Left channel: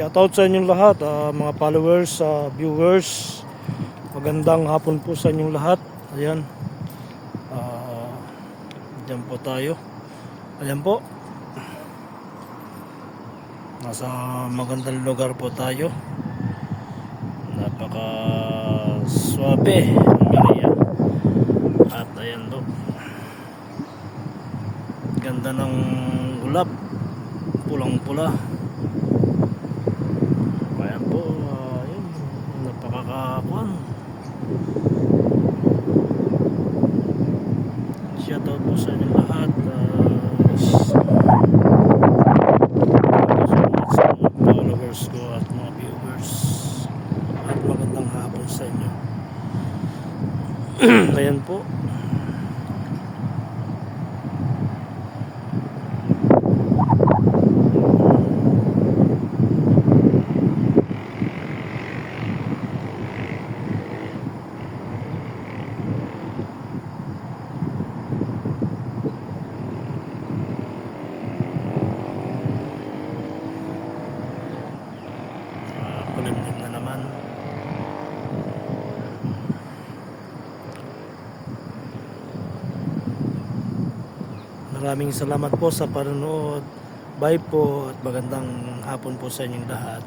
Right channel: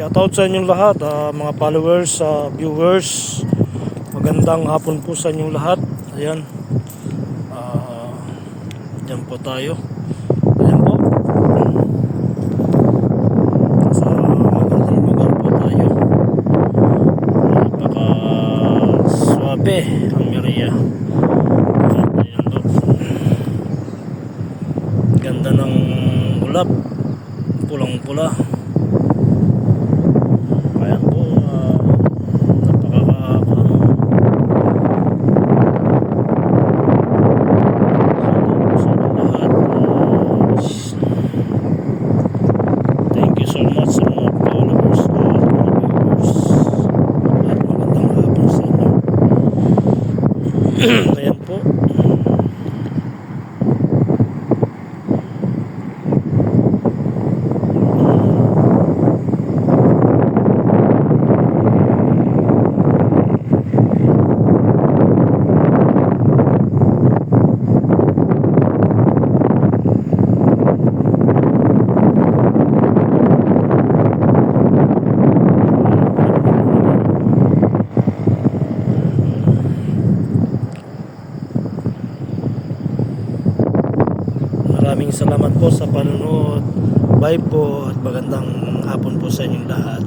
Shoutout sa inyong lahat, mga followers, viewers. Magandang hapon po sa inyong lahat. Ayan. Diyan po tayo. Ayan po. Nasa magandang lugar po tayo. Napaka swabe ang area. At ayan po. Ganda ng ulap. Pulang-pula. Ayan po, napakakakuan. Shoutout po sa inyong lahat. Thank you so much sa mga followers ko at mga viewers. At magandang hapon sa inyo. Ayan po. Maraming salamat po sa panonood. Bye po at magandang hapon po sa inyong lahat.